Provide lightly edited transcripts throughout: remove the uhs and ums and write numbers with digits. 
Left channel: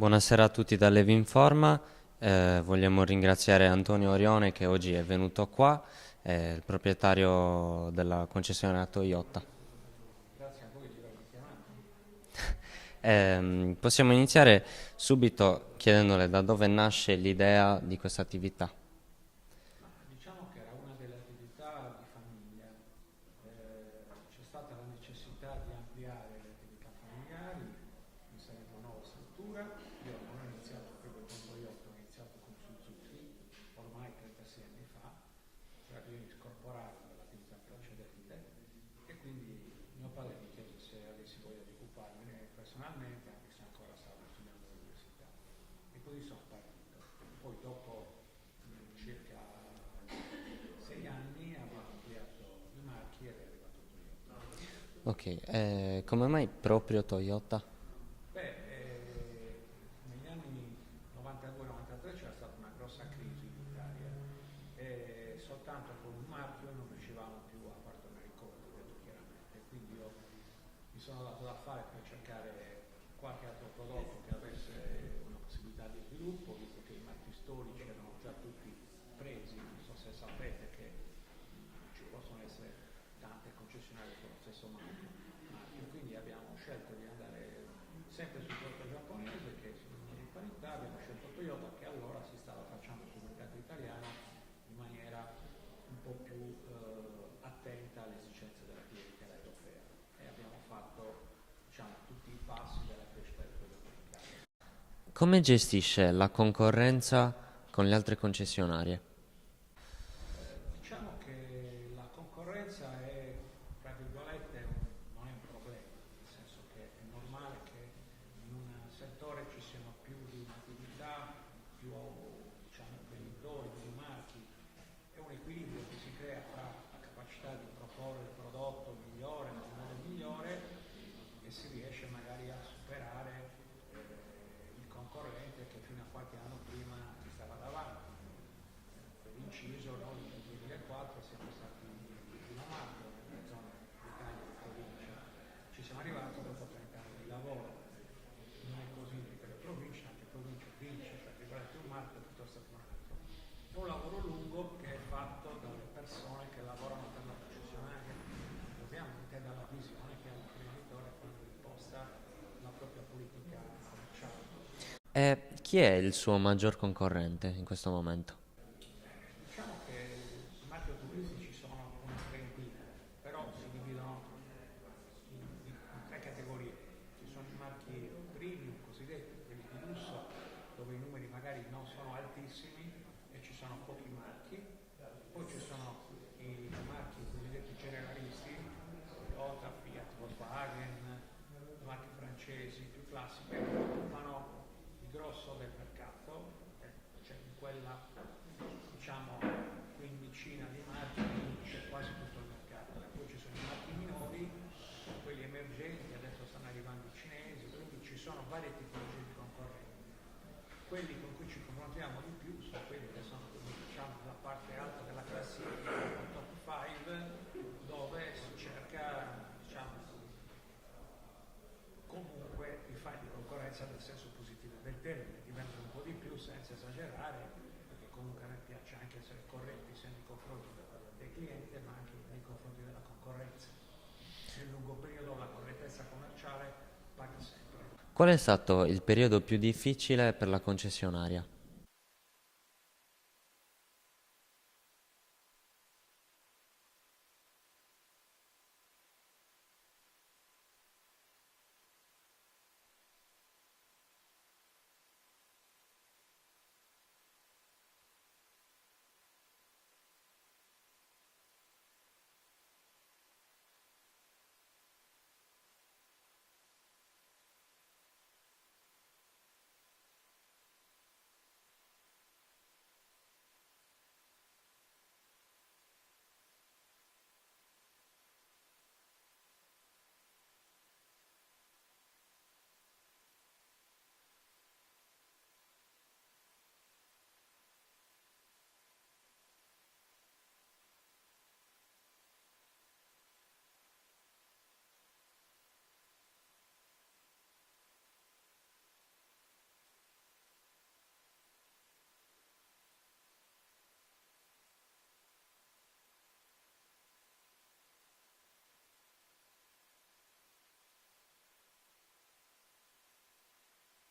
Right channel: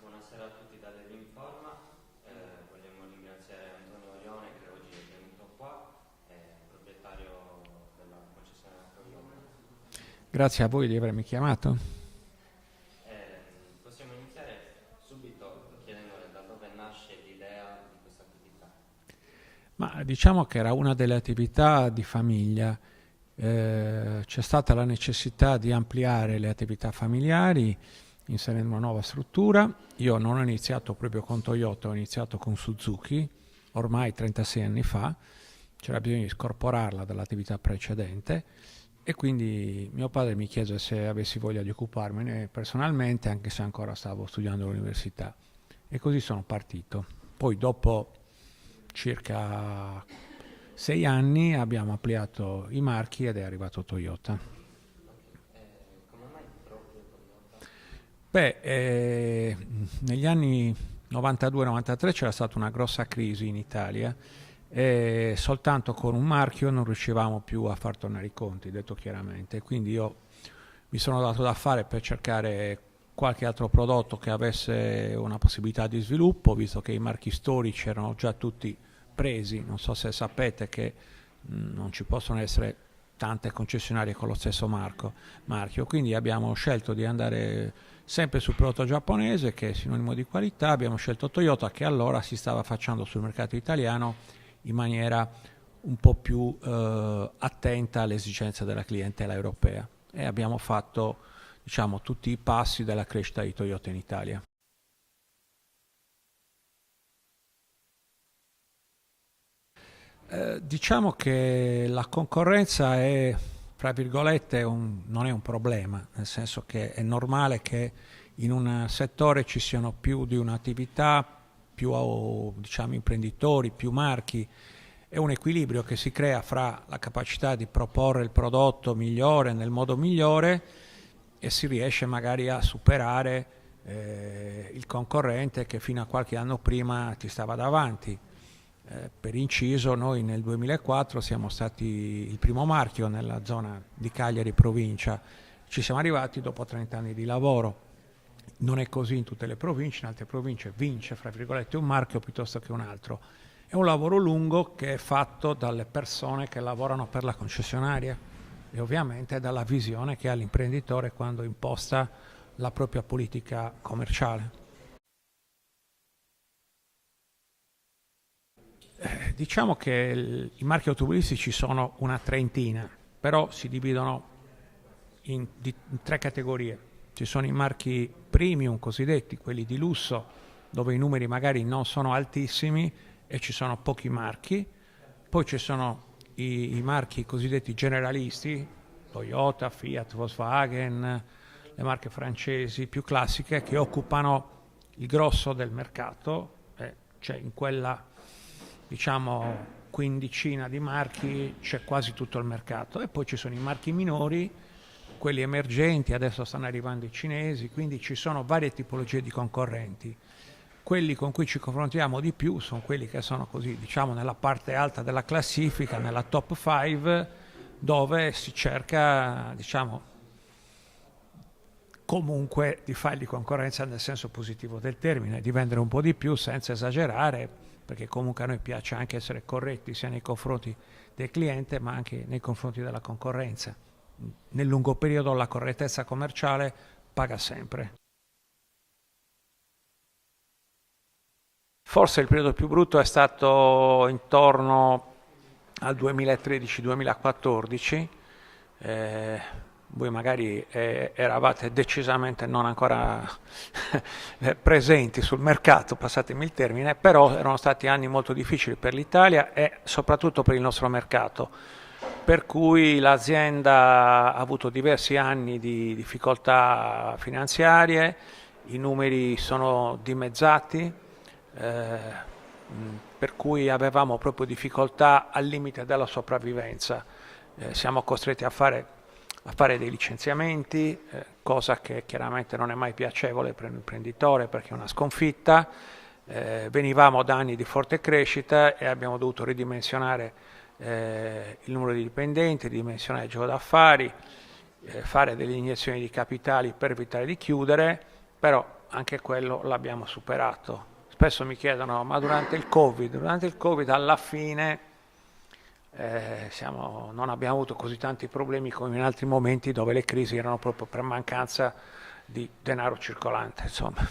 Buonasera a tutti da Levinforma. Vogliamo ringraziare Antonio Orione che oggi è venuto qua, è il proprietario della concessionaria Toyota. Grazie a voi di avermi chiamato. Possiamo iniziare subito chiedendole da dove nasce l'idea di questa attività. Ma diciamo che era una delle attività di famiglia. C'è stata la necessità di ampliare le attività familiari inserendo una nuova struttura. Io non ho iniziato proprio con Toyota, ho iniziato con Suzuki, ormai 36 anni fa. C'era bisogno di scorporarla dall'attività precedente e quindi mio padre mi chiese se avessi voglia di occuparmene personalmente, anche se ancora stavo studiando all'università. E così sono partito. Poi dopo circa 6 anni abbiamo ampliato i marchi ed è arrivato Toyota. Ok, come mai proprio Toyota? Beh, negli anni 92-93 c'era stata una grossa crisi in Italia e soltanto con un marchio non riuscivamo più a far tornare i conti, detto chiaramente. Quindi io mi sono dato da fare per cercare qualche altro prodotto che avesse una possibilità di sviluppo, visto che i marchi storici erano già tutti presi. Non so se sapete che non ci possono essere tante concessionarie con lo stesso marchio, quindi abbiamo scelto di andare sempre sul prodotto giapponese che è sinonimo di qualità. Abbiamo scelto Toyota che allora si stava affacciando sul mercato italiano in maniera un po' più attenta alle esigenze della clientela europea e abbiamo fatto, diciamo, tutti i passi della crescita di Toyota in Italia. Come gestisce la concorrenza con le altre concessionarie? Diciamo che la concorrenza è, fra virgolette, non è un problema, nel senso che è normale che in un settore ci siano più di un'attività, più diciamo, imprenditori, più marchi. È un equilibrio che si crea fra la capacità di proporre il prodotto migliore nel modo migliore e si riesce magari a superare il concorrente che fino a qualche anno prima ti stava davanti. Per inciso, noi nel 2004 siamo stati il primo marchio nella zona di Cagliari provincia. Ci siamo arrivati dopo 30 anni di lavoro. Non è così in tutte le province, in altre province vince, fra virgolette, un marchio piuttosto che un altro. È un lavoro lungo che è fatto dalle persone che lavorano per la concessionaria e ovviamente dalla visione che ha l'imprenditore quando imposta la propria politica commerciale. E chi è il suo maggior concorrente in questo momento? Diciamo che i marchi automobilistici sono una trentina, però si dividono in tre categorie. Ci sono i marchi premium cosiddetti, quelli di lusso, dove i numeri magari non sono altissimi e ci sono pochi marchi. Poi ci sono i marchi cosiddetti generalisti, Toyota, Fiat, Volkswagen, le marche francesi più classiche che occupano il grosso del mercato, cioè in quella, diciamo, quindicina di marchi c'è quasi tutto il mercato. E poi ci sono i marchi minori, quelli emergenti, adesso stanno arrivando i cinesi, quindi ci sono varie tipologie di concorrenti. Quelli con cui ci confrontiamo di più sono quelli che sono così, diciamo, nella parte alta della classifica, nella top 5, dove si cerca, diciamo, comunque di fargli concorrenza nel senso positivo del termine, di vendere un po' di più senza esagerare, perché comunque a noi piace anche essere corretti sia nei confronti del cliente ma anche nei confronti della concorrenza. Nel lungo periodo la correttezza commerciale paga sempre. Qual è stato il periodo più difficile per la concessionaria? Forse il periodo più brutto è stato intorno al 2013-2014. Voi magari eravate decisamente non ancora presenti sul mercato, passatemi il termine, però erano stati anni molto difficili per l'Italia e soprattutto per il nostro mercato, per cui l'azienda ha avuto diversi anni di difficoltà finanziarie, i numeri sono dimezzati, per cui avevamo proprio difficoltà al limite della sopravvivenza. Siamo costretti a fare dei licenziamenti, cosa che chiaramente non è mai piacevole per un imprenditore perché è una sconfitta. Venivamo da anni di forte crescita e abbiamo dovuto ridimensionare il numero di dipendenti, ridimensionare il giro d'affari, fare delle iniezioni di capitali per evitare di chiudere, però anche quello l'abbiamo superato. Spesso mi chiedono, ma durante il Covid alla fine non abbiamo avuto così tanti problemi come in altri momenti dove le crisi erano proprio per mancanza di denaro circolante, insomma.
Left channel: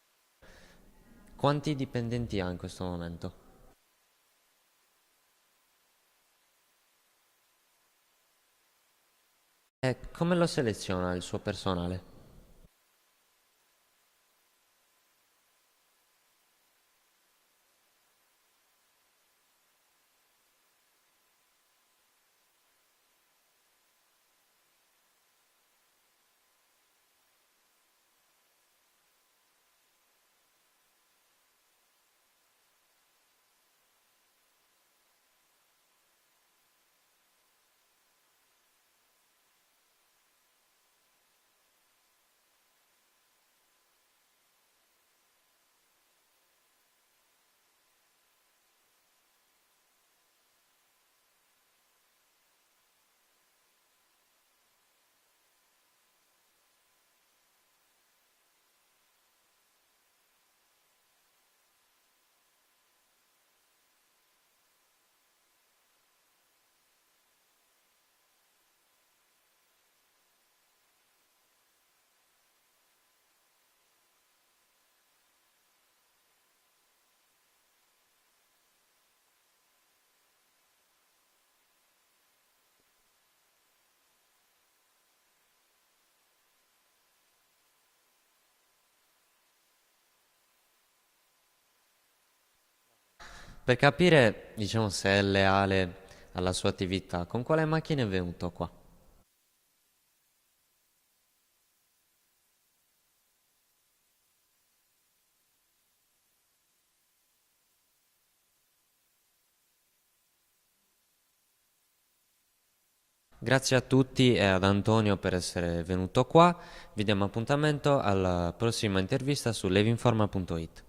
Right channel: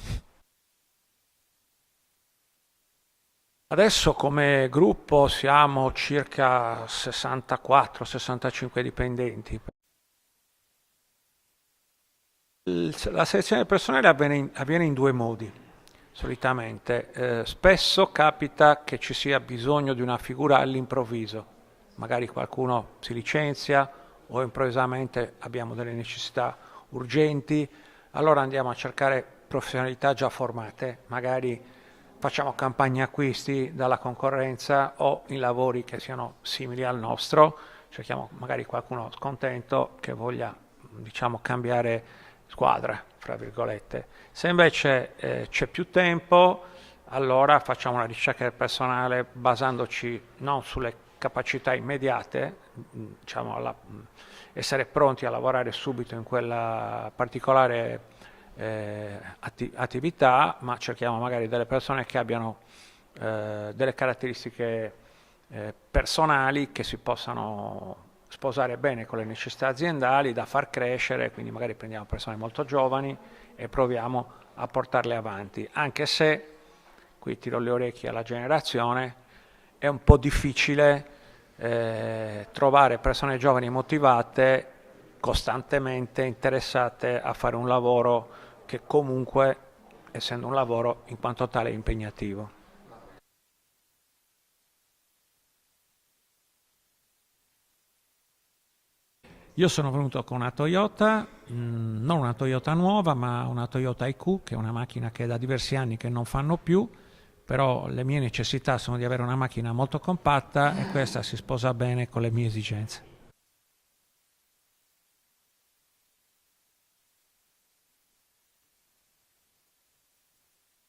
Quanti dipendenti ha in questo momento? Adesso come gruppo siamo circa 64-65 dipendenti. E come lo seleziona il suo personale? La selezione del personale avviene in due modi, solitamente. Spesso capita che ci sia bisogno di una figura all'improvviso, magari qualcuno si licenzia o improvvisamente abbiamo delle necessità urgenti, allora andiamo a cercare professionalità già formate, magari facciamo campagne acquisti dalla concorrenza o in lavori che siano simili al nostro, cerchiamo magari qualcuno scontento che voglia, diciamo, cambiare squadra, fra virgolette. Se invece c'è più tempo, allora facciamo una ricerca del personale basandoci non sulle capacità immediate, diciamo essere pronti a lavorare subito in quella particolare attività, ma cerchiamo magari delle persone che abbiano delle caratteristiche personali che si possano sposare bene con le necessità aziendali da far crescere, quindi magari prendiamo persone molto giovani e proviamo a portarle avanti, anche se, qui tiro le orecchie alla generazione, è un po' difficile trovare persone giovani motivate, costantemente interessate a fare un lavoro che comunque, essendo un lavoro, in quanto tale è impegnativo. Per capire, diciamo, se è leale alla sua attività, con quale macchina è venuto qua? Io sono venuto con una Toyota, non una Toyota nuova, ma una Toyota IQ, che è una macchina che è da diversi anni che non fanno più, però le mie necessità sono di avere una macchina molto compatta e questa si sposa bene con le mie esigenze. Grazie a tutti e ad Antonio per essere venuto qua. Vi diamo appuntamento alla prossima intervista su levinforma.it.